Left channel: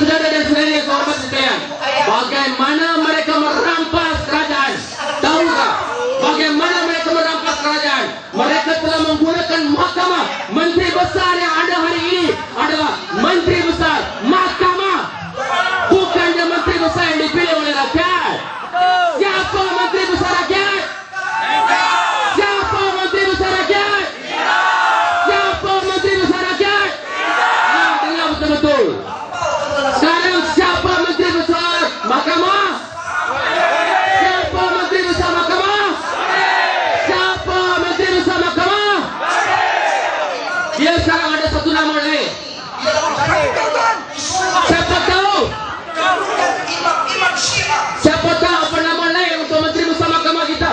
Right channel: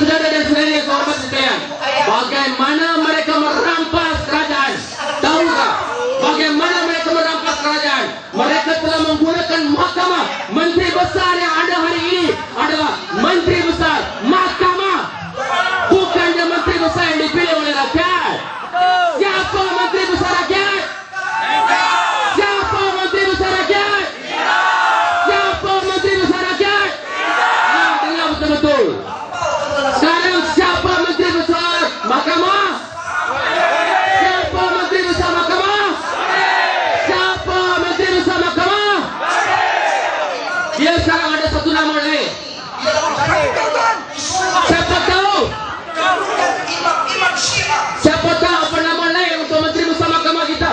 saudara dan saudari yang hormat sekalian, bagaimana mereka merampas kerajaan? Tahukah bagaimana mereka merampas kerajaan? Mereka telah menggunakan mahkamah. Menteri besar yang ada hari ini adalah menteri besar mahkamah, bukan dia menteri besar yang dipilih oleh rakyat. Siapa menteri besar rakyat? Siapa menteri besar rakyat? Siapa menteri besar rakyat? Dengar betul-betul. Sekarang siapa menteri besar mahkamah? Siapa menteri besar mahkamah? Siapa menteri besar mahkamah? Dia sekarang ada satu nama lain. Siapa tahu? Siapa tahu apa nama lain untuk menteri besar mahkamah kita?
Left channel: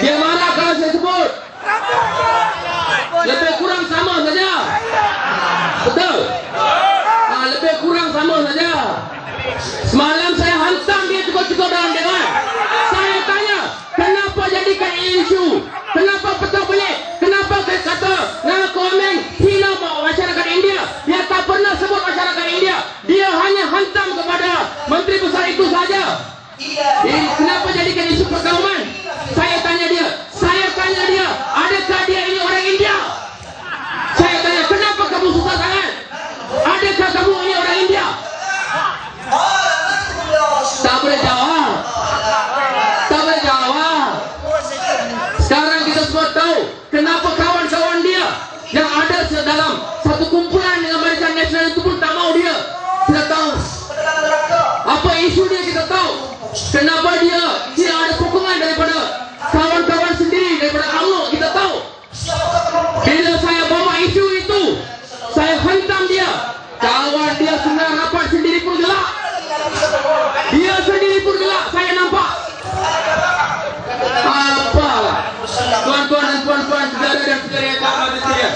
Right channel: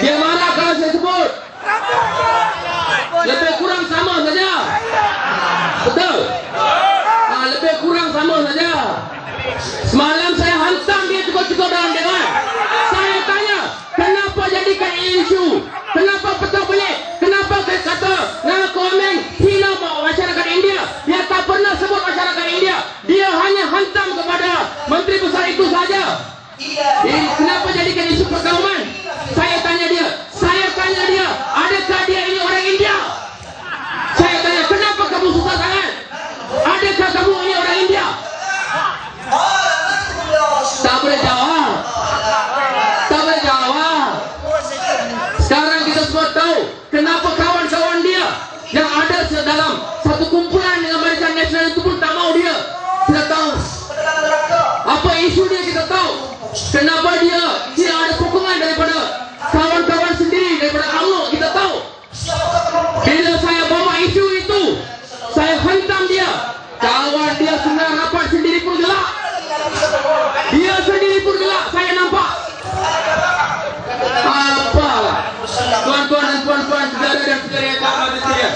Dia marah kalau saya sebut. Lebih kurang sama saja. Betul? Lebih kurang sama saja. Semalam saya hantam dia cukup-cukup dalam dewan. Saya tanya, kenapa jadikan isu? Kenapa petang pelik? Kenapa saya kata nama komen hina masyarakat India? Dia tak pernah sebut masyarakat India. Dia hanya hantam kepada menteri besar itu saja. Kenapa jadikan isu perkauman? Saya tanya dia, adakah dia ini orang India? Saya tanya, kenapa kamu susah sangat? Adakah kamu ini orang India? Tak boleh jawab. Tak boleh jawab. Sekarang kita semua tahu kenapa kawan-kawan dia yang ada dalam satu kumpulan dengan Barisan Nasional itu pun tak mau dia. Kita tahu apa isu dia, kita tahu kenapa dia tidak ada sokongan daripada kawan-kawan sendiri, daripada UMNO. Kita tahu bila saya bawa isu itu, saya hantam dia. Kawan dia senang rapat sendiri pun gelak. Dia sendiri pun gelak, saya nampak. Apa? Tuan-tuan dan puan-puan, saudara dan saudari yang hormat sekalian,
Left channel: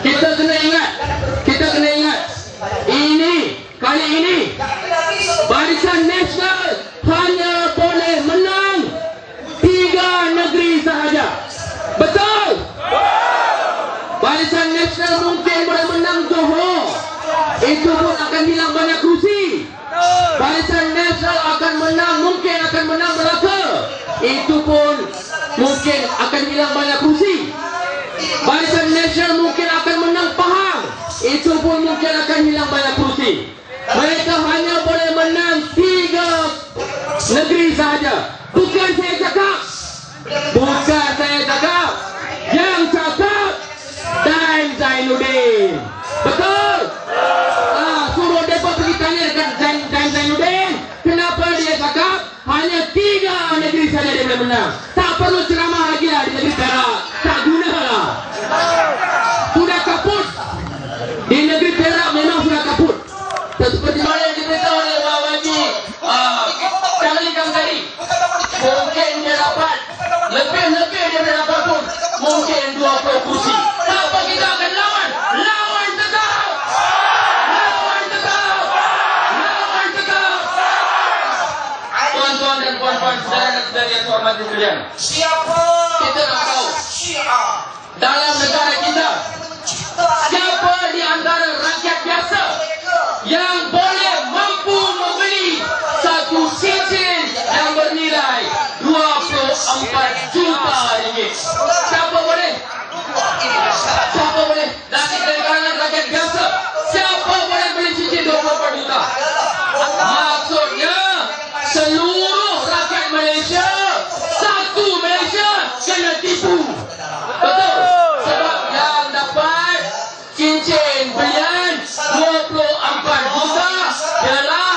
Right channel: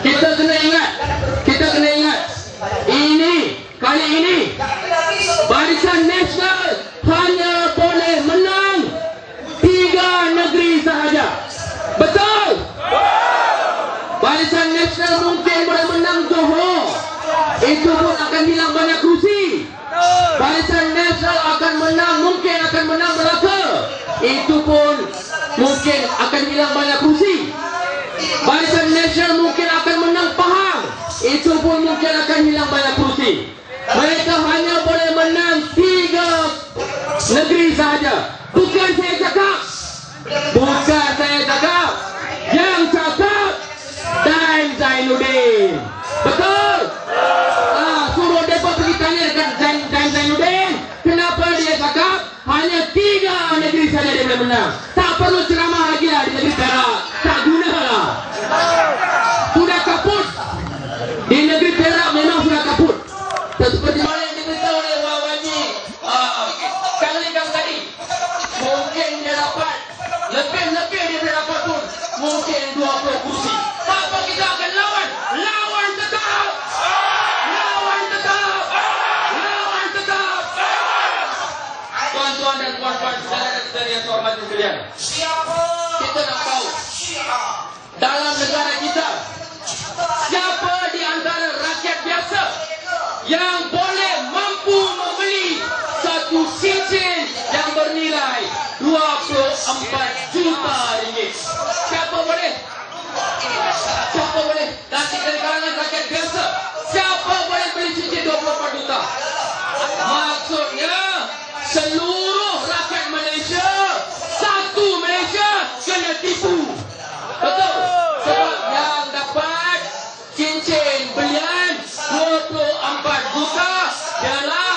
kita kena ingat, kali ini Barisan Nasional hanya boleh menang 3 negeri sahaja. Betul? Barisan Nasional mungkin boleh menang Johor, itu pun akan hilang banyak kursi. Barisan Nasional mungkin akan menang Melaka, itu pun mungkin akan hilang banyak kursi. Barisan Nasional mungkin akan menang Pahang, itu pun mungkin akan hilang banyak kursi. Mereka hanya boleh menang 3 negeri sahaja. Bukan saya cakap, yang cakap Dan Zainuddin. Betul? Suruh mereka pergi tanya dekat Dan Zainuddin, kenapa dia cakap hanya 3 negeri saja dia boleh menang. Tak perlu ceramah lagi lah di negeri Perak. Tak guna lah. Sudah kaput. Di negeri Perak memang sudah kaput. Seperti mana yang diberitahu oleh Pak Haji Kang tadi, mungkin dia dapat lebih dia dapat pun mungkin 20 kursi. Tak apa, kita akan lawan tetap. Tuan-tuan dan puan-puan, saudara dan saudari yang hormat sekalian, kita nak tahu dalam negara kita, siapa di antara rakyat biasa yang boleh mampu membeli satu cincin yang bernilai 24 juta ringgit? Siapa boleh? Dari kalangan rakyat biasa, siapa boleh beli cincin 24 juta? Maksudnya seluruh rakyat Malaysia, satu Malaysia kena tipu. Betul? Sebab yang dapat cincin belian 24 juta ialah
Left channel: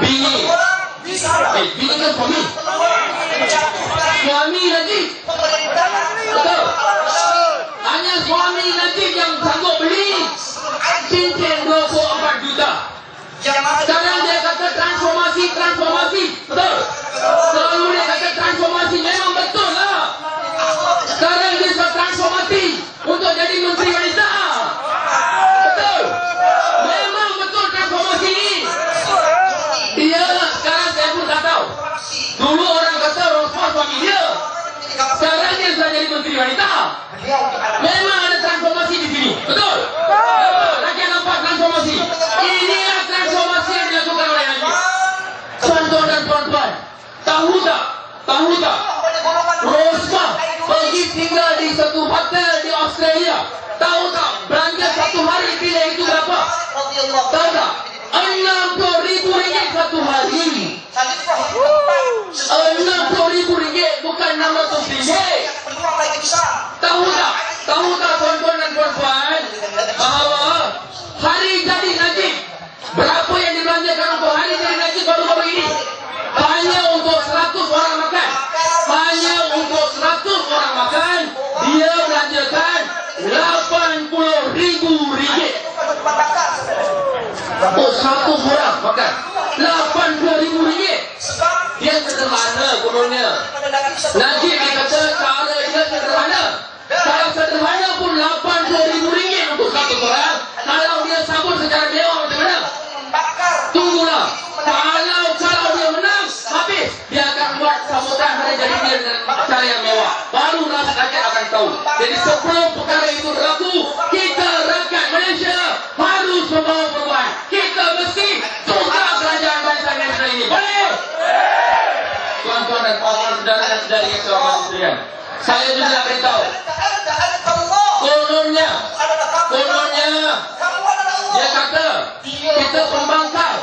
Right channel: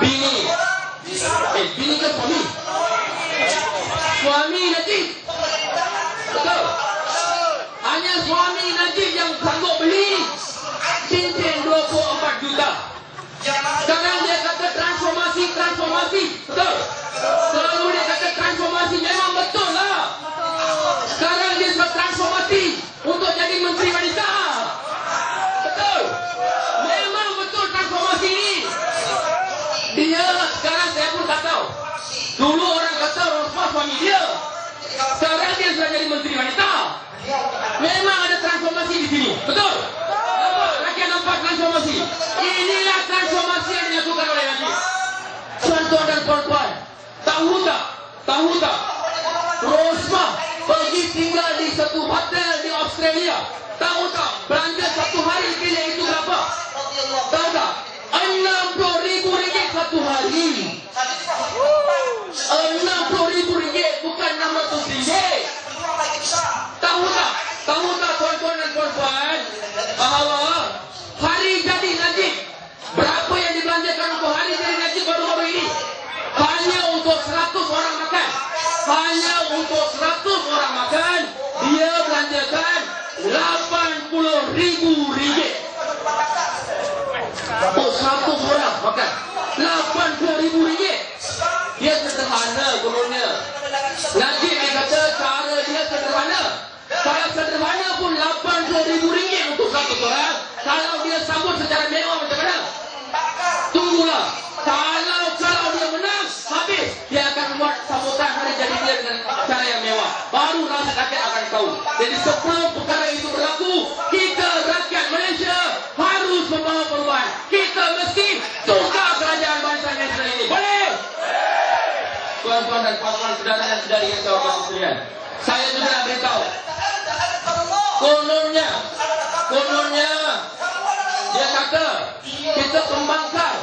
bini. Bini kan suami. Suami nanti. Betul? Hanya suami nanti yang sanggup beli cincin 24 juta. Sekarang dia kata transformasi. Betul? Kalau dia kata transformasi, memang betul lah. Sekarang dia sudah transformasi untuk jadi Menteri Wanita. Betul? Memang betul transformasi. Dia sekarang saya pun tak tahu. bisa jadi menteri wanita. Memang ada transformasi di sini. Betul? Rakyat nampak transformasi. Inilah transformasi yang dilakukan oleh Najib. Tuan-tuan dan puan-puan, tahu tak? Rosmah pergi tinggal di satu hotel di Australia. Tahu tak belanja satu hari bilik itu berapa? Tahu tak? RM60,000 satu hari. RM60,000 bukan RM600. Tahu tak tuan-tuan dan puan-puan, bahawa hari jadi Najib, berapa yang dibelanjakan untuk hari jadi Najib baru-baru ini? Hanya untuk 100 orang makan. Dia belanjakan RM80,000. Oh, 100 orang makan RM80,000. Dia sederhana turunnya. Najib dikata cara dia sederhana. Kalau sederhana pun RM80,000 untuk satu orang. Kalau dia sambut secara mewah macam mana? Tunggulah. Kalau dia menang, habis. Dia akan buat sambutan hari jadi dia dengan cara yang mewah. Baru rakyat akan tahu. Jadi sebelum perkara itu berlaku, kita rakyat Malaysia harus membawa perubahan. Kita mesti tukar kerajaan bangsa Malaysia ini. Boleh? Tuan-tuan dan puan-puan, saudara-saudari yang saya hormati sekalian, saya juga beritahu. Kononnya, dia kata kita pembangkang,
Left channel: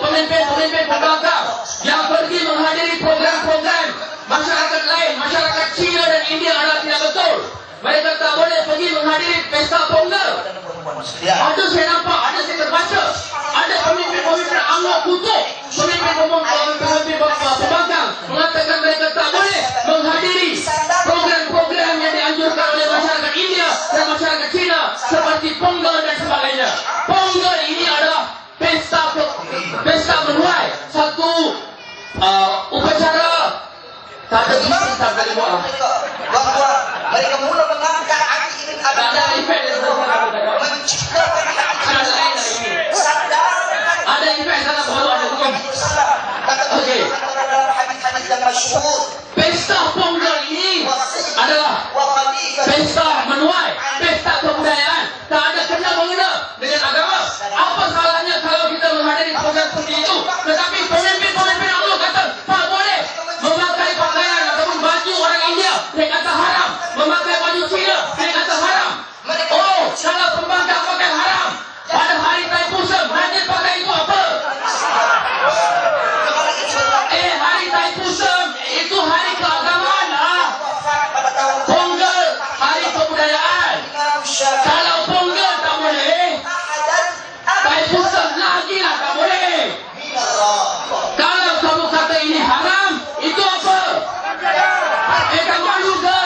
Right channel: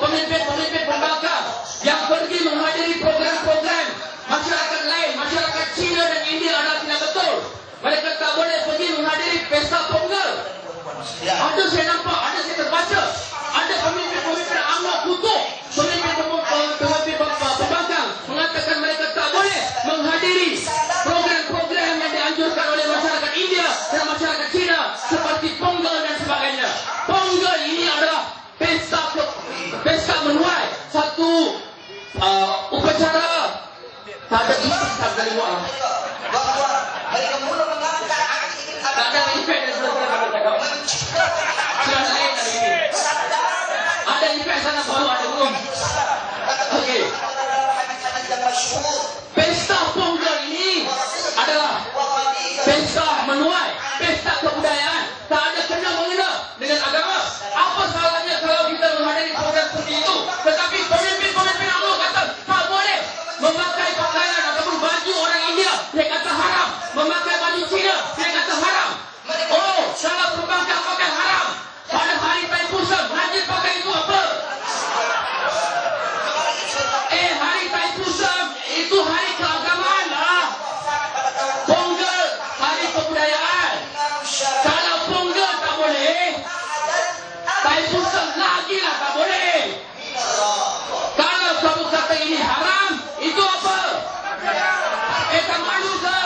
pemimpin pembangkang yang pergi menghadiri program-program masyarakat lain, masyarakat China dan India adalah tidak betul. Mereka tak boleh pergi menghadiri pesta Pongal. Ada saya nampak, ada saya terbaca, ada pemimpin UMNO kutuk, pemimpin pembangkang mengatakan mereka tak boleh menghadiri program-program yang dianjurkan oleh masyarakat India dan masyarakat China seperti Pongal dan sebagainya. Pongal ini adalah pesta menuai, satu upacara. Tak ada bising, tak boleh buat lah. Tak ada efek dari sana kita katakan. Akan lain dari ini. Ada efek sana baru ada hukum. Okey. Pesta Pongal ini adalah pesta menuai, pesta kebudayaan. Tak ada kena-mengena dengan agama. Apa salahnya kalau kita menghadiri program seperti itu? Tetapi pemimpin UMNO kata tak boleh memakai pakaian ataupun baju orang India. Dia kata haram. Memakai baju Cina. Dia kata haram. Oh, kalau pembangkang pakai haram. Pada hari Thaipusam, Najib pakai itu apa? Hari Thaipusam itu hari keagamaan lah. Pongal hari kebudayaan. Kalau Pongal tak boleh, Thaipusam lagi lah tak boleh. Kalau kamu kata ini haram, itu apa? Tak malu ke?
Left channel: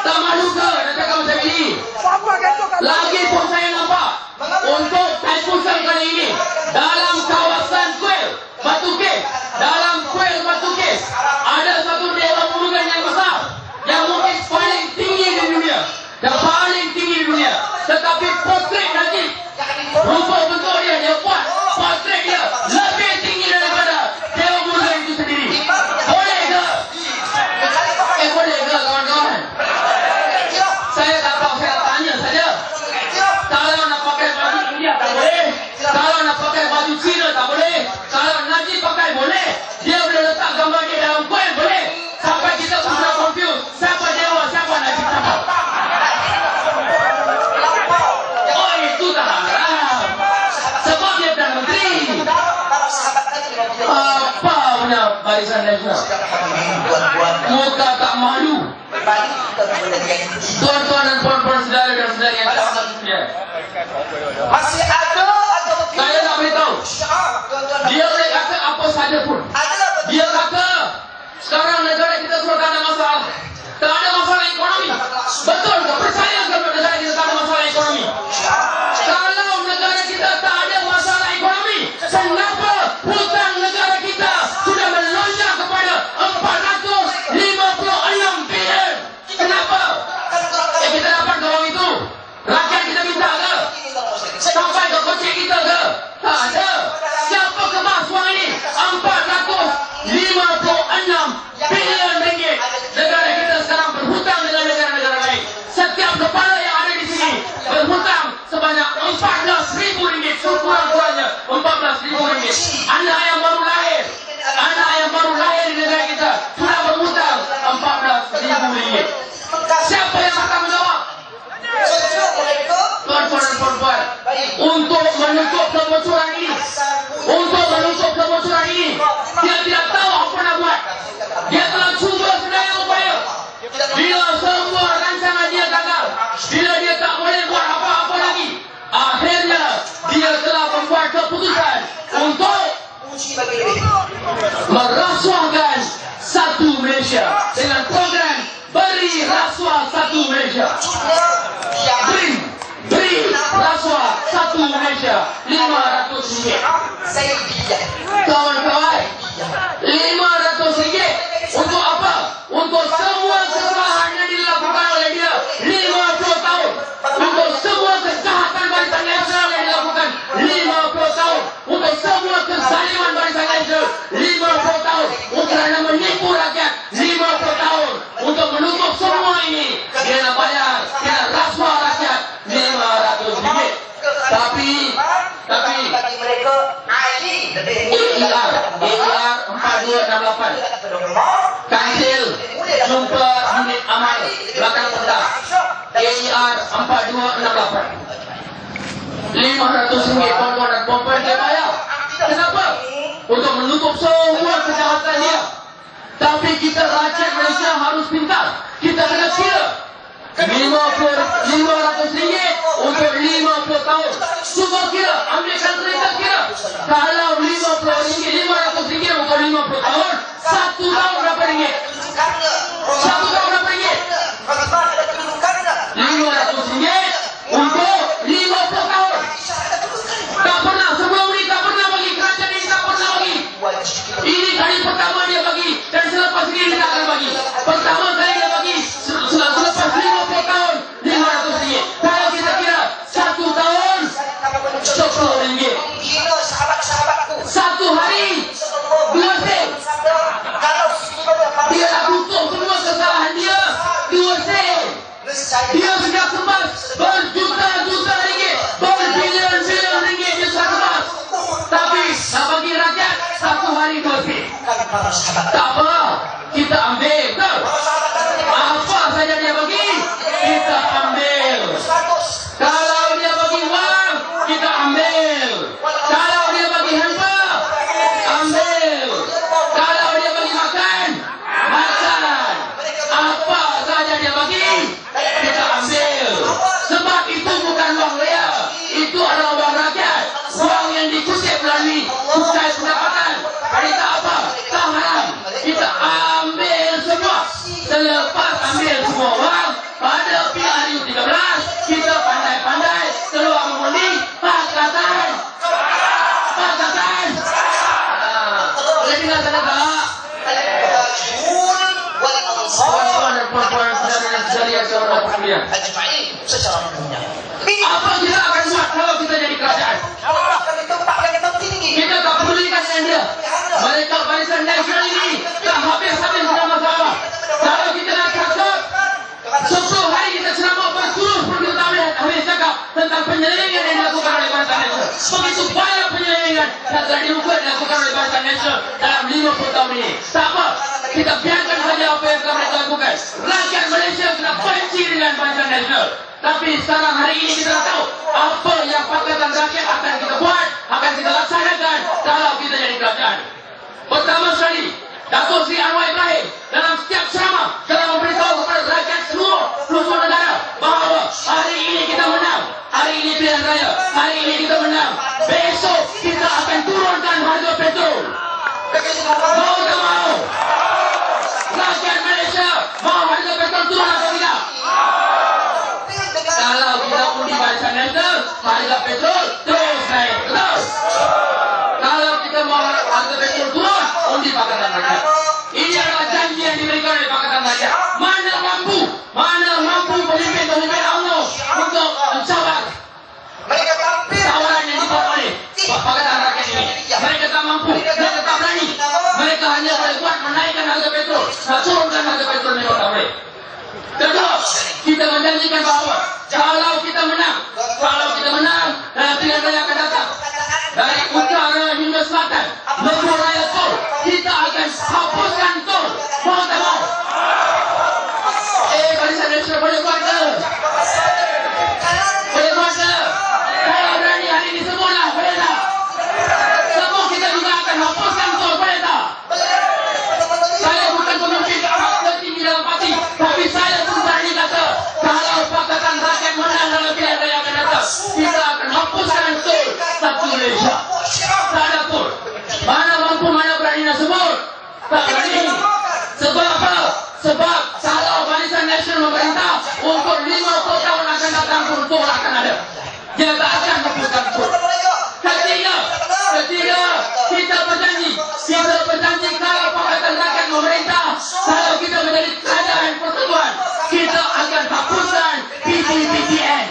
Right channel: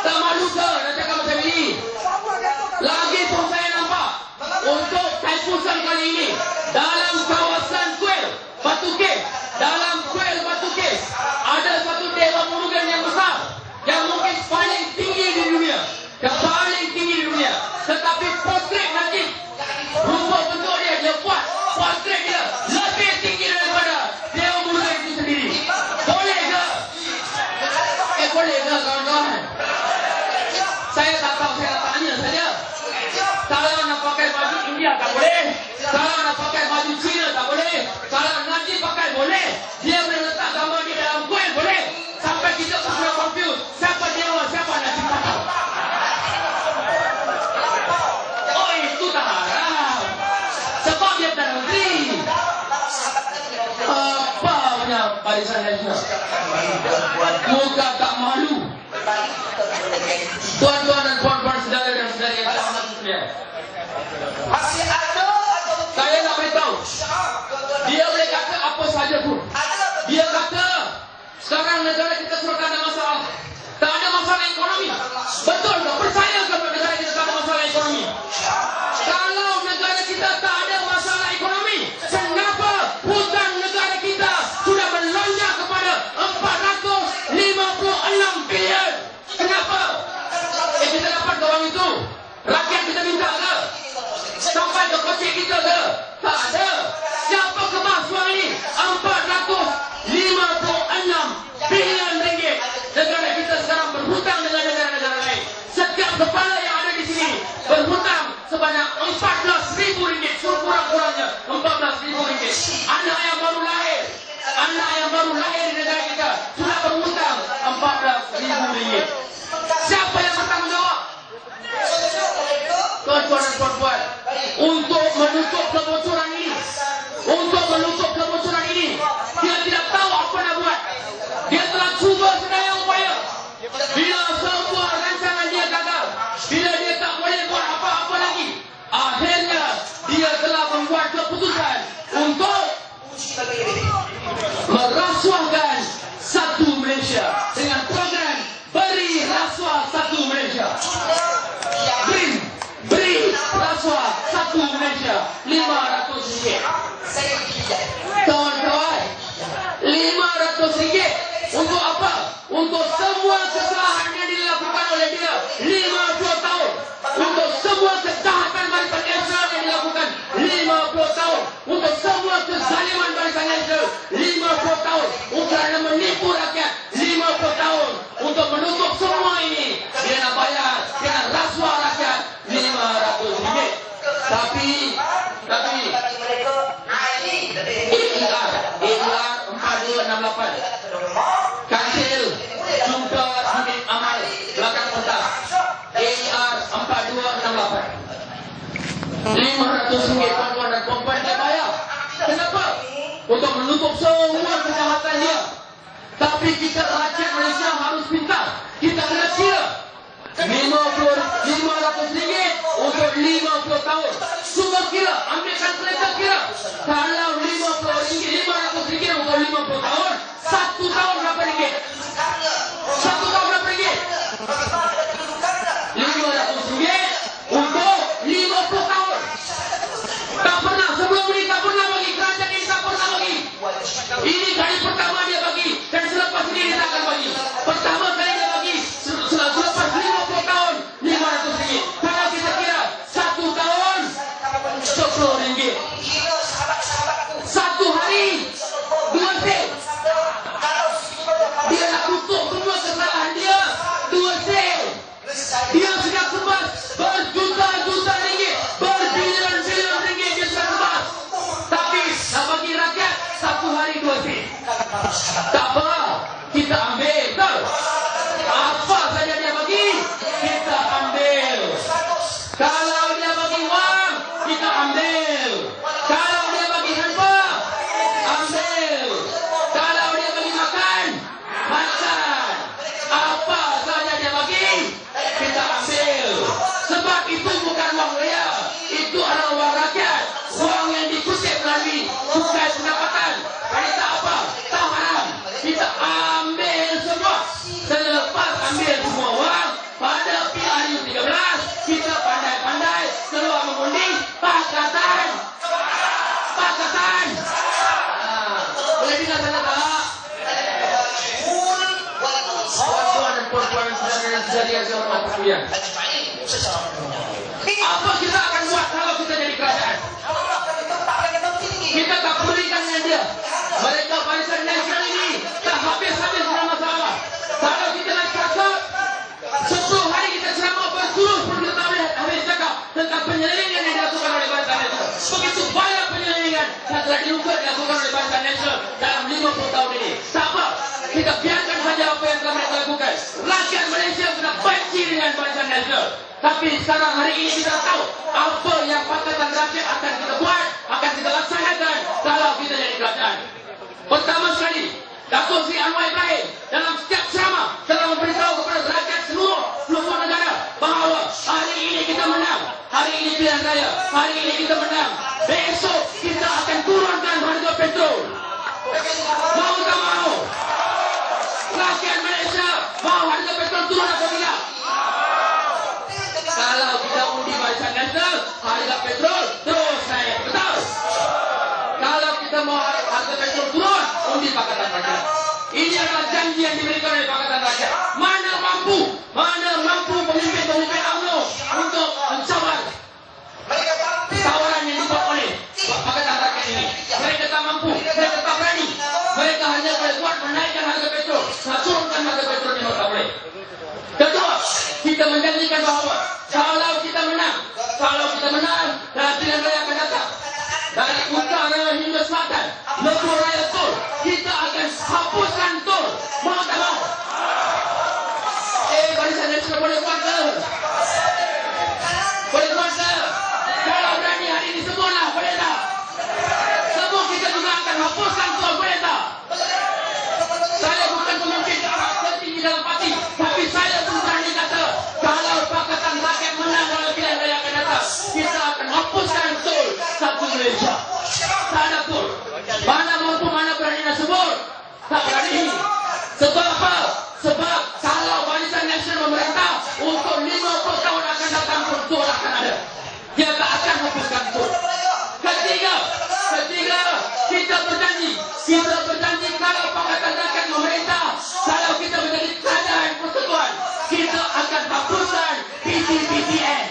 Tak malu ke? Nak cakap macam ini. Lagi pun saya nampak untuk Thaipusam kali ini dalam kawasan Kuil Batu Kes, ada satu dewa murugan yang besar, yang mungkin paling tinggi di dunia, tetapi portret Najib, rupa bentuk dia buat portret dia lebih tinggi daripada dewa murugan itu sendiri. Boleh ke? Boleh ke kawan-kawan? Saya tak tahu, saya tanya saja. Kalau nak pakai baju India tak boleh, kalau nak pakai baju Cina tak boleh, kalau Najib pakai boleh. Dia boleh letak gambar dia dalam kuil boleh. Sampai kita pun sudah confuse, siapa dewa, siapa Najib, siapa? Oh, itu tak haram, sebab dia tak menteri. Apa punya barisan nasional? Muka tak malu. Tuan-tuan dan puan-puan, saudara dan saudari yang saya hormati sekalian, saya nak beritahu, dia boleh kata apa saja pun. Dia kata sekarang negara kita sudah tak ada masalah. Tak ada masalah ekonomi. Betul ke? Percaya kalau negara kita tak ada masalah ekonomi? Kalau negara kita tak ada masalah ekonomi, kenapa hutang negara kita sudah melonjak kepada 456 bilion? Kenapa? Kita dapat doang itu. Rakyat kita minta ke? Sampai ke kecil kita 14.000 ringgit. Anak yang baru lahir di negara kita sudah berhutang 14.000 ringgit. Siapa yang akan menjawab? Tuan-tuan dan puan-puan, untuk menutup kebocoran ini, dia tidak tahu apa nak buat. Dia telah cuba sedaya upaya. Bila semua rancangan dia gagal, bila dia tak boleh buat apa-apa lagi, akhirnya dia telah membuat keputusan untuk merasuahkan satu Malaysia dengan program Beri Rasuah Satu Malaysia. Beri rasuah satu Malaysia RM500. Kawan-kawan, RM500 untuk apa? Untuk semua kesalahan yang dilakukan oleh dia 50 tahun. Untuk semua kejahatan Barisan Nasional yang dilakukan 50 tahun. Untuk semua kezaliman Barisan Nasional 50 tahun. Untuk menipu rakyat 50 tahun. Untuk menutup semua ini, dia nak bayar, dia nak rasuah rakyat RM500. Tapi AER 4268 Kansil jumpa unit amal belakang pentas AER 4268 RM500 tuan-tuan dan puan-puan dia bayar. Kenapa? Untuk menutup semua kejahatan dia. Tapi kita rakyat Malaysia harus pintar. Kita kena kira RM500 untuk 50 tahun. Cuba kira, ambil kalkulator kira. Kalau RM500 untuk 50 tahun, 1 tahun berapa ringgit? 1 tahun berapa ringgit? RM500 untuk 50 tahun. Tak pernah, sebelum ini tak pernah bagi. Kerajaan ini tak pernah bagi. Ini kali pertama dia bagi. Dan selepas ini dia tak akan bagi. Pertama kali dia bagi, selepas 50 tahun RM500. Kalau kita kira 1 tahun RM10. 1 hari 2 sen. Dia dah tutup semua kesalahan dia 2 sen. Dia sudah kebas berjuta-juta ringgit, berbilion-bilion ringgit dia sudah kebas. Tapi nak bagi rakyat 1 hari 2 sen. Tak apa, kita ambil. Apa saja dia bagi, kita ambil. Kalau dia bagi wang, kita ambil. Kalau dia bagi hampa, ambil. Kalau dia bagi makan, makan. Apa saja dia bagi, kita ambil. Sebab itu bukan wang dia, itu adalah wang rakyat. Wang yang dikutip melalui cukai pendapatan. Jadi tak apa, tak haram. Kita ambil semua. Selepas ambil semua wang, pada PRU13, kita pandai-pandai keluar mengundi pakatan. Boleh dengar saya tak? Puan-puan dan puan-puan, saudara-saudari yang saudara sekalian, apa kita akan buat kalau kita jadi kerajaan? Kita tak pedulikan dengan dia. Mereka Barisan Nasional ini tak habis-habis ceramah-ceramah. Kalau kita nak cakap 10 hari kita ceramah berpuluh-puluh tahun hari cakap tentang penyelewengan yang dilakukan oleh Barisan Nasional. Begitu banyak penyelewengan yang telah dilakukan oleh Barisan Nasional dalam 50 tahun ini. Tak apa, kita biarkan saja apa yang telah mereka lakukan. Rakyat Malaysia sudah benci dengan Barisan Nasional. Tapi sekarang hari ini kita tahu apa yang Pakatan Rakyat akan kita buat, akan kita laksanakan kalau kita jadi kerajaan. Pertama sekali, Datuk Seri Anwar Ibrahim dalam setiap ceramah telah memberitahu kepada rakyat seluruh negara bahawa hari ini kita menang, hari ini pilihan raya, hari ini kita menang. Besok kita akan turunkan harga petrol. Mau tak mau? Rakyat Malaysia mau harga petrol turun atau tidak? Kalau kita undi Barisan Nasional, harga petrol terus naik. Betul? Kalau kita mau harga petrol turun, undi Pakatan Rakyat. Ini adalah janji yang diberikan oleh Pakatan Rakyat. Mana mampu pemimpin-pemimpin UMNO untuk mencabar tawaran yang dibuat oleh Pakatan Rakyat ini. Mereka tak mampu, mereka tak berani. Mereka hanya boleh buat menaikkan harga petrol, turunkan harga petrol memang tak boleh. Kedua, kita menjanjikan bahawa kalau kita menang dalam pilihan raya akan datang, dari utara hingga selatan, lebuh raya tol, kita akan hapuskan tol. Mau tak mau? Barisan nasional boleh buat ke? Boleh buat ke? Kalau berani hari ini semualah, boleh tak? Semua kita juga akan hapuskan tol, boleh tak? Saya bukan pemimpin tertinggi dalam parti, tapi saya pun berani kata, kalau Pakatan Rakyat menang dalam pilihan raya akan datang, kita akan hapuskan tol satu Malaysia. Tak ada tol. Mana mampu, mana berani nak sebut? Tak berani. Sebab apa? Sebab kalau Barisan Nasional memerintah, untuk 50 tahun akan datang pun tol akan ada. Dia tak akan hapuskan tol. Ketiga, kita berjanji kalau Pakatan Rakyat memerintah, kalau kita menjadi kerajaan persekutuan, kita akan hapuskan PTPTN.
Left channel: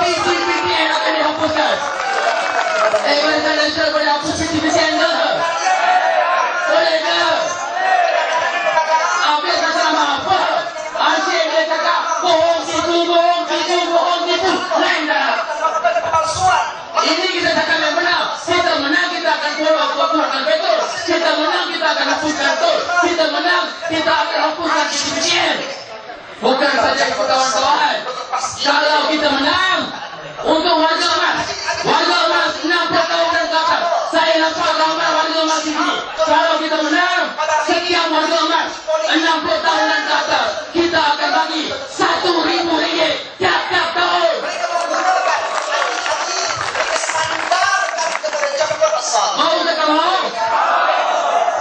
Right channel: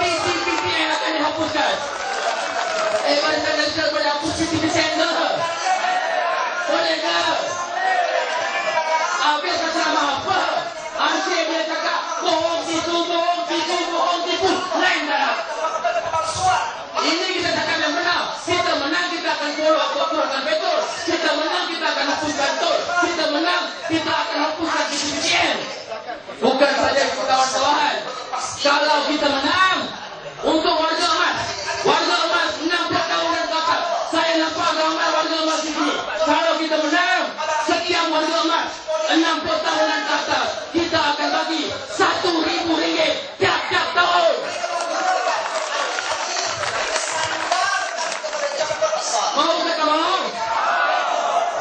PTPTN akan dihapuskan. Barisan Nasional boleh hapus PTPTN ke? Boleh ke? Habis nak sama apa? Asyik dia cakap bohong tipu, lain dah. Ini kita cakap yang benar. Kita menang, kita akan turunkan betul. Kita menang, kita akan hapuskan tol. Kita menang, kita akan hapuskan PTPTN. Bukan saja itu kawan-kawan. Kalau kita menang, untuk warga emas 60 tahun dan ke atas, saya nampak ramai warga emas di sini. Kalau kita menang, setiap warga emas 60 tahun dan ke atas, kita akan bagi RM1,000 tiap-tiap tahun. Mau tak mau?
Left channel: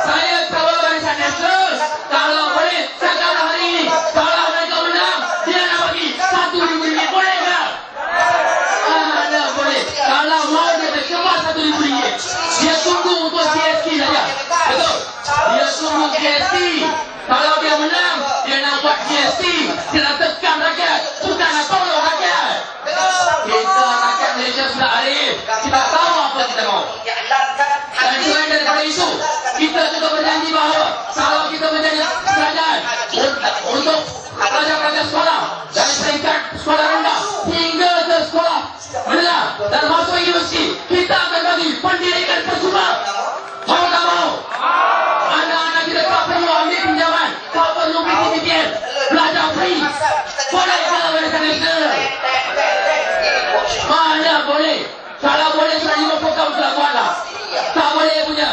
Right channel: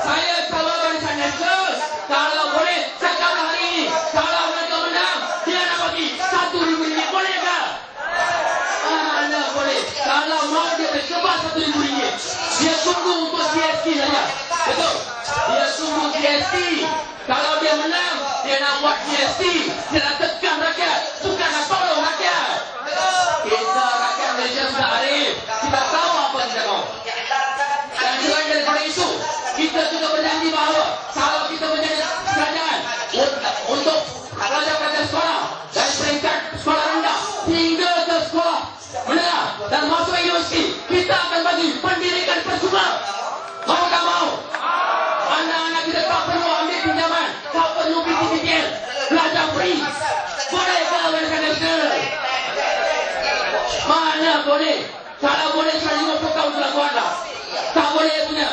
Saya tahu Barisan Nasional, kalau boleh, cakap hari ini, kalau mereka menang, dia nak bagi RM1,000, boleh tak? Tak boleh. Kalau mau dia terkebar RM1,000, dia tunggu untuk GST saja. Betul? Dia tunggu GST. Kalau dia menang, dia nak buat GST. Dia nak tekan rakyat, bukan nak tolong rakyat. Kita rakyat Malaysia sudah arif. Kita tahu apa kita mahu. Dan selain daripada itu, kita juga berjanji bahawa kalau kita menjadi kerajaan untuk pelajar-pelajar sekolah dari peringkat sekolah rendah hingga ke sekolah menengah dan masuk universiti, kita akan bagi pendidikan percuma. Mau tak mau? Anak-anak kita tak perlu ambil pinjaman, tak perlu PTPTN, belajar free. Boleh ke Barisan Nasional? Mana boleh? Kalau boleh sudah 50 tahun sudah buatlah. Tak boleh punya.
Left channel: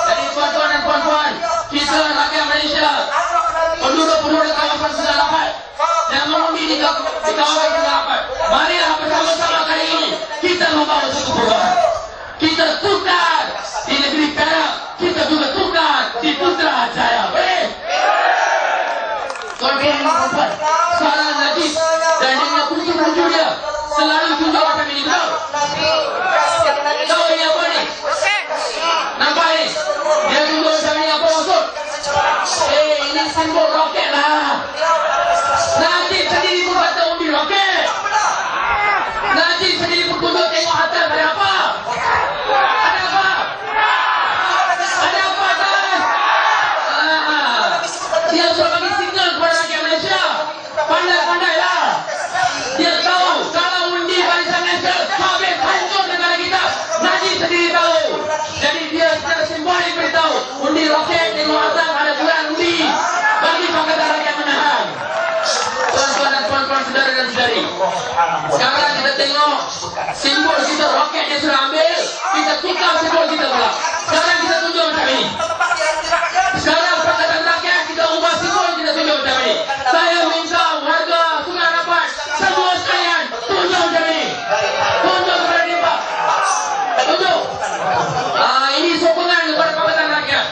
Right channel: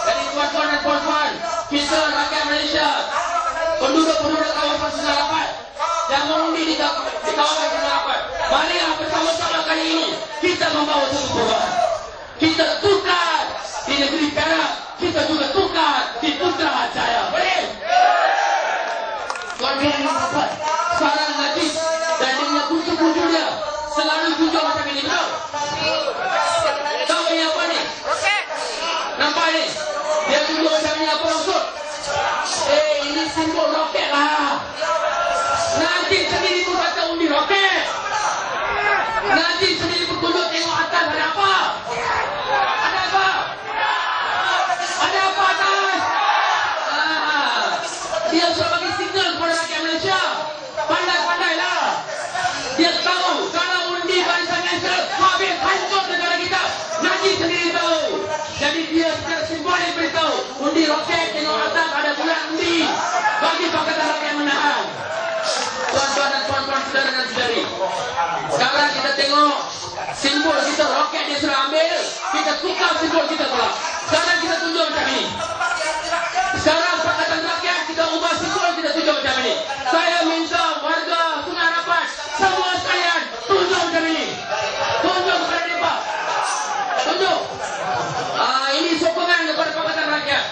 Jadi tuan-tuan dan puan-puan, kita rakyat Malaysia, penduduk-penduduk kawasan sudah dapat dan mengundi di kawasan sudah dapat. Marilah bersama-sama kali ini kita membawa satu perubahan. Kita tukar di negeri Perak, kita juga tukar di Putrajaya. Boleh? Tuan-tuan dan puan-puan, sekarang Najib dan dengan kunci-kunci dia selalu tunjuk macam ini. Tahu ini apa ni? Nampak ini? Dia tunjuk macam ini apa maksud? Ini simbol roket lah. Najib sendiri pun kata undi roket. Najib sendiri pun tunjuk tengok atas ada apa? Ada apa? Ada apa atas? Dia sudah bagi signal kepada rakyat Malaysia. Pandai-pandailah. Dia tahu kalau undi Barisan Nasional habis hancur negara kita. Najib sendiri tahu. Jadi dia secara simbolik beritahu undi roket tengok atas ada gelar undi bagi Pakatan Rakyat menahan. Tuan-tuan dan puan-puan, saudara dan saudari, sekarang kita tengok simbol kita roket dia sudah ambil, kita tukar simbol kita pula. Sekarang kita tunjuk macam ini. Sekarang Pakatan Rakyat kita ubah simbol, kita tunjuk macam ini. Saya minta warga Sungai Dapat semua sekalian tunjuk macam ini. Tunjuk kepada mereka. Tunjuk. Ini sokongan kepada Pakatan Rakyat.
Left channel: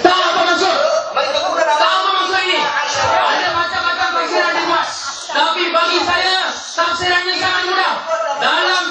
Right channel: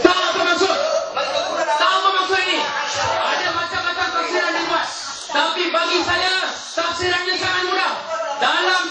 Tahu apa maksud? Tahu apa maksud ini? Ada macam-macam tafsiran dibuat. Tapi bagi saya, tafsiran ini sangat mudah. Dalam